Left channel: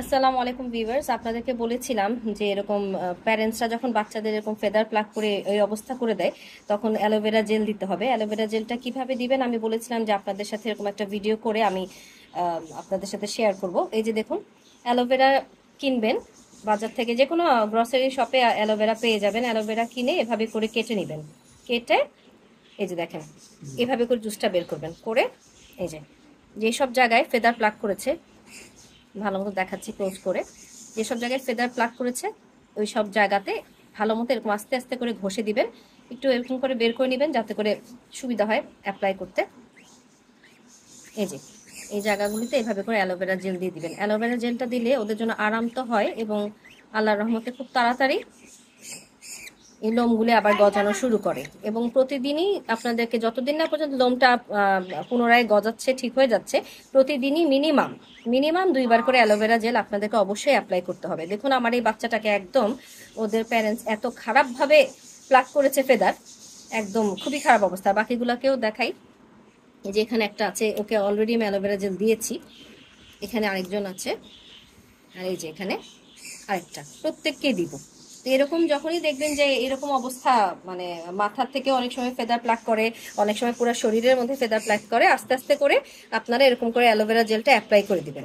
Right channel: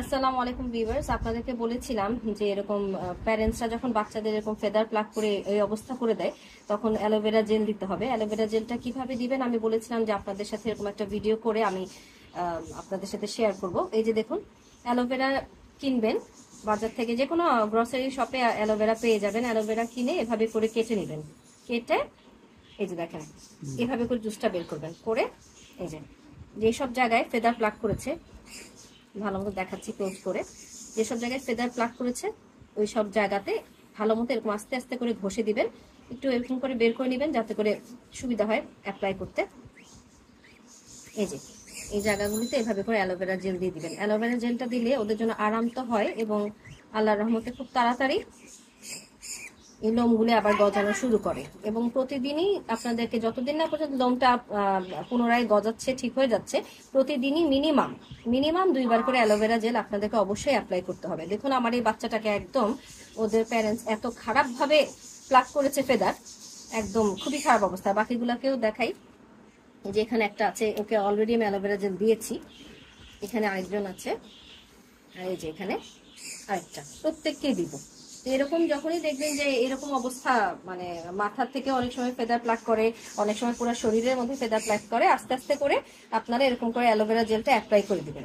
আসসালামু আলাইকুম ভিউয়ার্স, আপনাদেরকে বলেছিলাম যে এরকম প্যারেন্টসরা যখন বাচ্চাদের এরকম ফেদার প্লাক করে এই অবস্থা করে দেয় তখন অ্যালোভেরা জেল দিতে হবে। অ্যালোভেরা জেলটা কিভাবে দিবেন আমি বলেছিলাম যে আপনাদের সাথে এরকম একটা ভিডিও করে আমি আপনাদের সাথে শেয়ার করব। এই যে দেখুন, অ্যালোভেরা কিনবেন বাজার থেকে, যে কোনো গ্রসারি শপে অ্যালোভেরা পেয়ে যাবেন। অ্যালোভেরা কিনে এভাবে করে কেটে নেবেন। কেটে এই যে দেখেন, এভাবে করে জুসটা বের করবেন। করে এই যে যেসব জায়গায় ফেদার প্লাক করেছে, ভালো মতো দেখাচ্ছি ক্লোজ করে, যেসব জায়গায় ফেদার প্লাক করেছে ওই সব জায়গাতে ভালো মতো এরকম আস্তে আস্তে করে ঘষে দিবেন। একটু এরকম করে বের করে নেবেন যাতে করে সুবিধা হয় অ্যাপ্লাই করতে। এই যে এই জায়গাগুলিতে এভাবে করে অ্যালোভেরা জেল দিয়ে দিবেন। অ্যালোভেরা জেলটা দিলে ওদের জন্য আরাম তো হয় এবং আল্লাহর রহমতে খুব তাড়াতাড়ি এই লোমগুলি আবার গজানো শুরু করে। এবং প্রতিদিনই আপনাদেরকে, যতদিন না পর্যন্ত লোমটা পুনরায় গজাচ্ছে, ঠিক হয়ে যাচ্ছে, প্রতিদিনই মিনিমাম 2বার করে অ্যালোভেরা জেল আপনাদেরকে অবশ্যই অ্যাপ্লাই করতে হবে। দেখুন আমার এই বাচ্চাটাকে একদম ওদের প্যারেন্টস এত খারাপভাবে প্লাক করেছে ফেদার, একদম খুবই খারাপ অবস্থা। বাকিগুলোকেও দেখাই। এই যে এখানে একটা আছে, ওকে অলরেডি আমি অ্যালোভেরা জেল দিয়েছি। এখানে আরেকজন আছে, আর এই যে এখানে আরেকটা, প্রত্যেককেই দিব। তো এরকম যখনই দেখবেন যে এরকম অবস্থা, মানে মাথার থেকে অনেক সময় ফেদার প্লাক করে, অনেক সময় পুরো শরীরের মধ্যে ফেদার প্লাক করে, আস্তে আস্তে করে আপনারা এরকম করে অ্যালোভেরা জেলটা অ্যাপ্লাই করে দিবেন।